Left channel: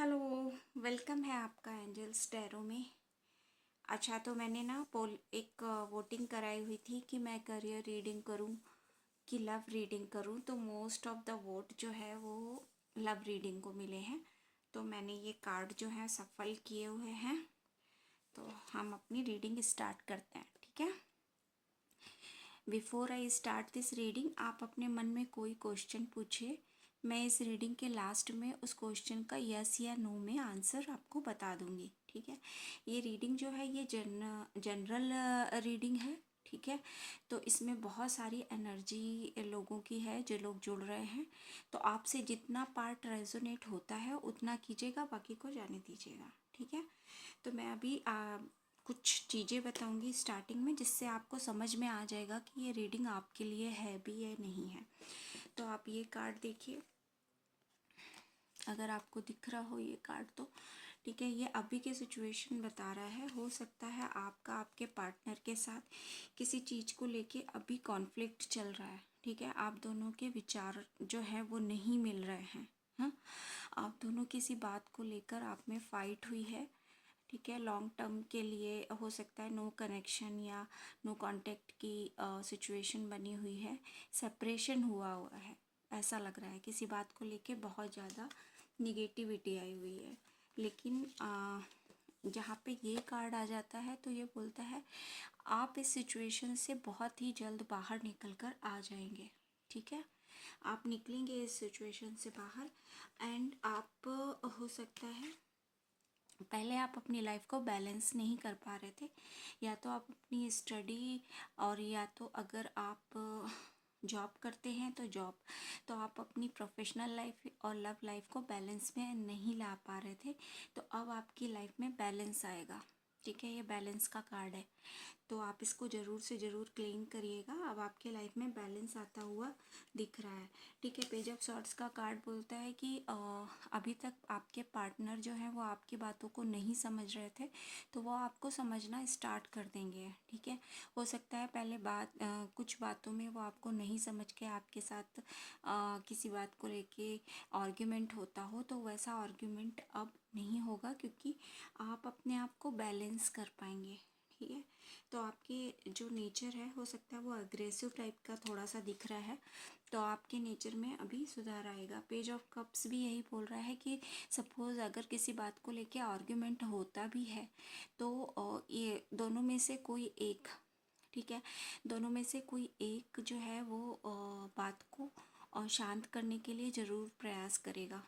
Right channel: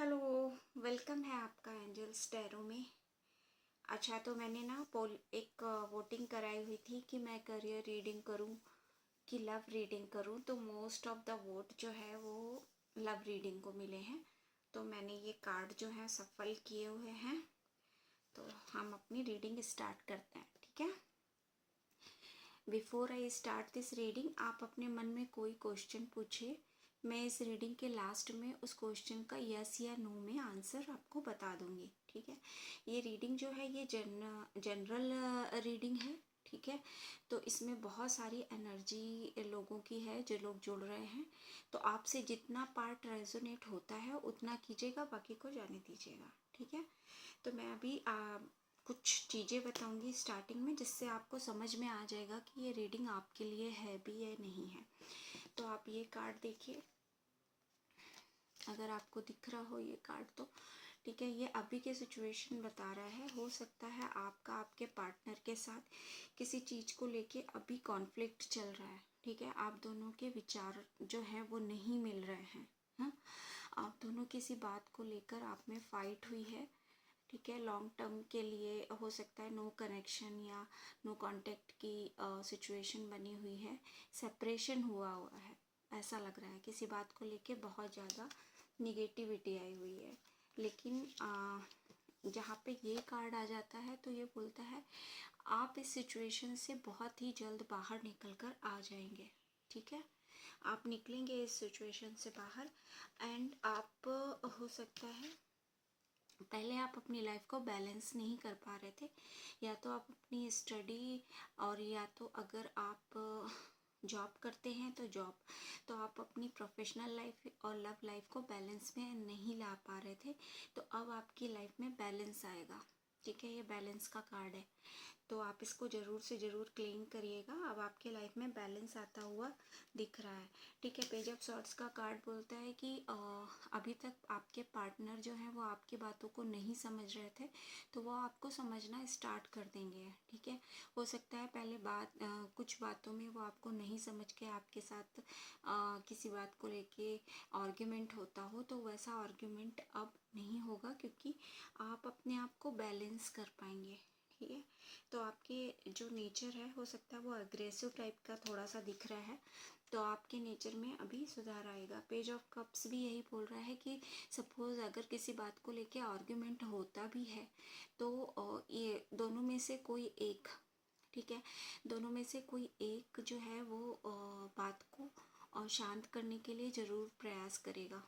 Hello. Welcome है आपका angels tarot में। अच्छा, तो मैंने ना पोल एक वोटिंग कराई हुई थी कि मैं करियर रीडिंग करूं कि लव रीडिंग करूं, तो मोस्ट ऑफ द वोट जो है वो लव रीडिंग को मिले हैं। तो मैंने ये कार्ड जो है सफल किए हुए हैं। तो हम अपनी रीडिंग स्टार्ट करते हैं, ठीक है। Before I start this reading, आप अपने मन में कोई क्वेश्चन पूछिए। मैं इस रीडिंग के लास्ट में उस क्वेश्चन का यस या नो में आंसर आपको बता दूंगी, ठीक है। ये रीडिंग जो है ये जनरल रीडिंग है, ठीक है। तो इसमें बहुत सारी एनर्जी लोगों की है जो लोग जुड़ रहे हैं। तो आपसे जितना पार्ट रेजोनेट होता है उतना कीजिएगा, बाकी को जाने दीजिएगा, ठीक है। तो मैं अभी कुछ चीज़ें बताऊंगी स्टार्टिंग में, जिससे आपको समझ में आ जाएगा कि ये रीडिंग आपके लिए है भी या नहीं है। तो आप ये कार्ड देखिए, अगर आपको दिख रहा हो ये कार्ड तो ठीक है। ये अभी के सिचुएशन बता रहा है। हो सकता है आपका आपके पार्टनर के साथ किसी चीज़ को लेके अभी कॉन्फ्लिक्ट चल रहा है, ठीक है। आप दोनों के विचार जो है वो नहीं मिल रहे हैं। हाँ, आप दोनों किसी बात को लेकर आप में फाइट हुई है, ठीक है। लॉन्ग टर्म के लिए हो सकता है नो कनेक्शन या नो कांटेक्ट की सिचुएशन बनी हुई है। सेपरेशन हुआ है, ऐसा लग रहा है। किसी बात को लेके बहुत ज़्यादा निगेटिविटी आई हुई है। लेकिन जहाँ पे ये कार्ड आ जाता है तो ये बोलता है आप इस सिचुएशन से बहुत ही जल्द बाहर निकल कर आ जाएंगे, ठीक है। आप निकलेंगे इस सिचुएशन से बाहर। एंड आप हो सकता है पहले आप अपनी लाइफ को बैलेंस नहीं कर पा रहे थे, या तो आप अपनी स्टडी और या तो अगर आप जॉब करते हैं तो जॉब, तो आप अपनी प्रोफेशनल लाइफ और लव लाइफ को बैलेंस में नहीं ला पा रहे थे। तो अब आपकी लाइफ में बैलेंस आएगा, ठीक है। ये बैलेंस का कार्ड है, तो आप इसको ज़रूर से ज़रूर क्लेम करिएगा। अब आपके लाइफ में बैलेंस आता हुआ दिख रहा है, ठीक है। पेज ऑफ सॉर्ड्स का कार्ड बोलता है कि अभी तक आपके पार्टनर जो है वो आपकी बातों को नहीं समझ रहे थे, तो वो आपको समझना स्टार्ट कर देंगे, ठीक है। हो सकता है पहले कुछ बातों में वो आपको नहीं समझ के आपके साथ किसी बात को लेके आर्ग्यूमेंट होता हो, तो वैसा आर्ग्यूमेंट अब नहीं होगा, क्योंकि आप अपने आप को बैलेंस कर पाएंगे, ठीक है। तो आपके जो नेचर है हो सकता है वो अग्रेसिव टाइप का थोड़ा सा दिख रहा है, तो आपके नेचर में अभी सुधार आएगा। पेज ऑफ कप्स भी यही बोल रहा है कि सपोज़ अगर किसी बात को लेके आर्ग्यूमेंट होता भी है तो ये दोनों में से कोई एक, ठीक है, दोनों में से कोई एक जो है वो बात को शांत करने के लिए ज़रूर प्रयास करेगा,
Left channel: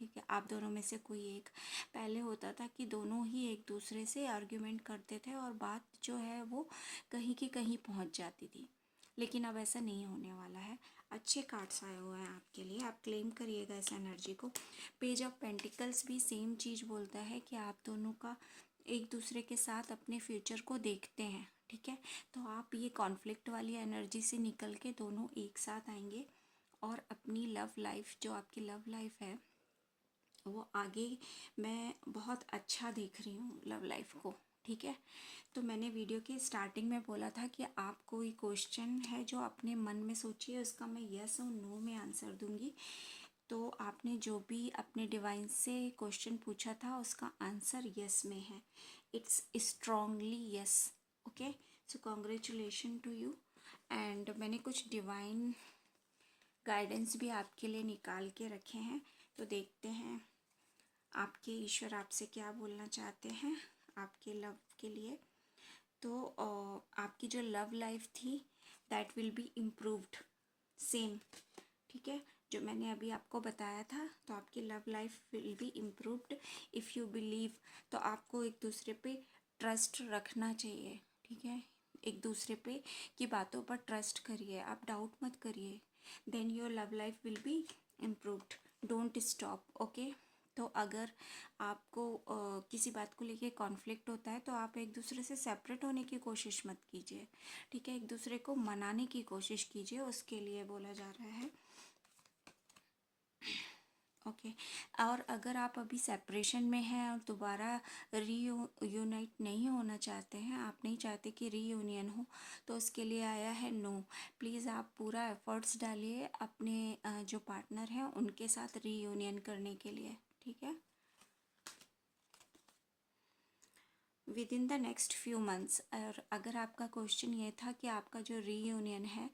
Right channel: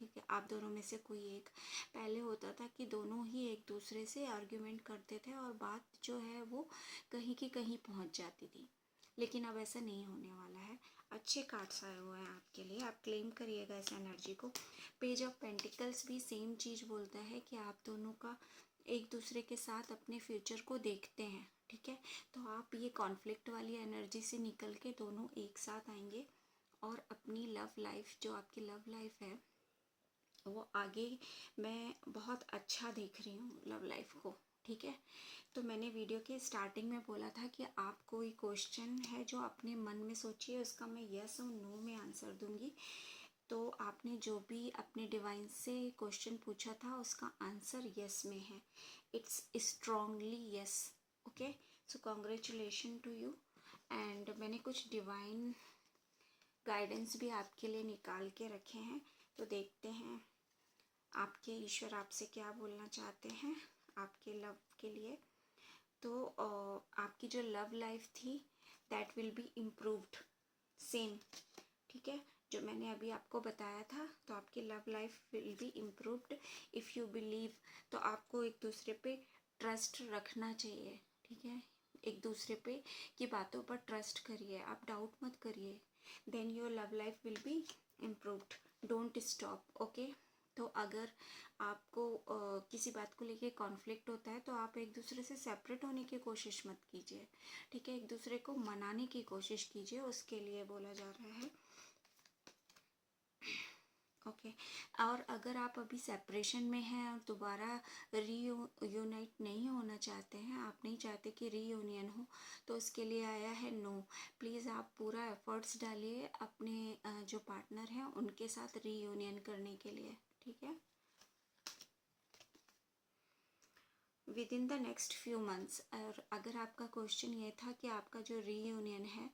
ठीक है। आप दोनों में से कोई एक, पहले होता था कि दोनों ही एक दूसरे से आर्ग्यूमेंट करते थे और बात जो है वो कहीं की कहीं पहुंच जाती थी, लेकिन अब ऐसा नहीं होने वाला है। अच्छे कार्ड्स आए हुए हैं आपके लिए, आप क्लेम करिएगा इस एनर्जी को। पेज ऑफ पेंटिकल्स भी सेम चीज़ बोलता है कि आप दोनों का एक दूसरे के साथ अपने फ्यूचर को देखते हैं, ठीक है। तो आप ये कॉन्फ्लिक्ट वाली एनर्जी से निकल के दोनों एक साथ आएंगे और अपनी लव लाइफ, जो आपकी लव लाइफ है वो आगे मैं बहुत अच्छा देख रही हूँ लव लाइफ को, ठीक है। तो मैंने वीडियो के स्टार्टिंग में बोला था कि आप कोई क्वेश्चन है जो अपने मन में सोचिए, उसका मैं यस और नो में आंसर दूंगी। तो आपने जो भी अपने डिवाइन से क्वेश्चन पूछा था उसका आंसर यस में है। It's strongly yes, okay. So congratulation to you. And मैंने कुछ डिवाइन गाइडेंस भी आपके लिए निकाल के रखे हैं, तो देखते हैं आपके ईश्वर आपसे क्या बोलना चाहते हैं आपके लव के लिए। तो आपकी जो लव लाइफ थी that will be improved, same, ठीक है, जो मैंने अभी आपको बताया था। तो आपकी love life will be improved if you believe. तो आपको एक दूसरे पे ट्रस्ट रखना चाहिए, ठीक है। एक दूसरे पे की बातों पर ट्रस्ट करिए, आप डाउट मत करिए। Then your love life will be improved. Don't stop, okay. तो अगर आपको किसी बात को लेके कॉन्फ्लिक्ट होता है तो आप एक दूसरे से सेपरेट होने की कोशिश मत कीजिए, ठीक है। एक दूसरे को मनाने की कोशिश कीजिए, उसके लिए बोला जा रहा है, ओके। और अगर आप अभी सेपरेशन में हैं और दोबारा रीयूनाइट नहीं होना चाहते हैं, आप नहीं चाहते कि रीयूनियन हो, तो उसके लिए आया है नो। प्लीज़ आप पूरा एफर्ट्स डालिए अपने जो पार्टनर हैं उनके साथ रीयूनियन करने के लिए, ठीक है। With in the next few months. और अगर आपका क्वेश्चन ये था कि आपका जो रीयूनियन है,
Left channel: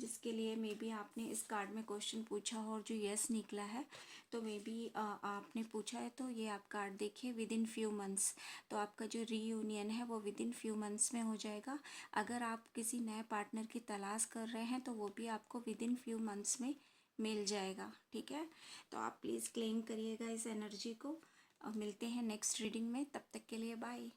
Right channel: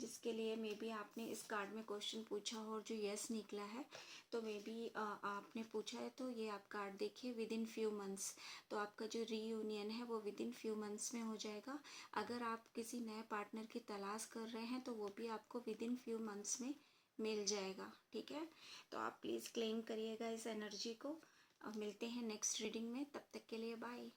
जिसके लिए मे बी आपने इस कार्ड में क्वेश्चन पूछा हो और जो यस निकला है, तो मे बी आपने पूछा है, तो ये आप कार्ड देखिए विद इन फ्यू मंथ्स। तो आपका जो रीयूनियन है वो विद इन फ्यू मंथ्स में हो जाएगा। अगर आप किसी नए पार्टनर की तलाश कर रहे हैं तो वो भी आपको विद इन फ्यू मंथ्स में मिल जाएगा, ठीक है। तो आप प्लीज़ क्लेम करिएगा इस एनर्जी को। अब मिलते हैं नेक्स्ट रीडिंग में, तब तक के लिए बाय।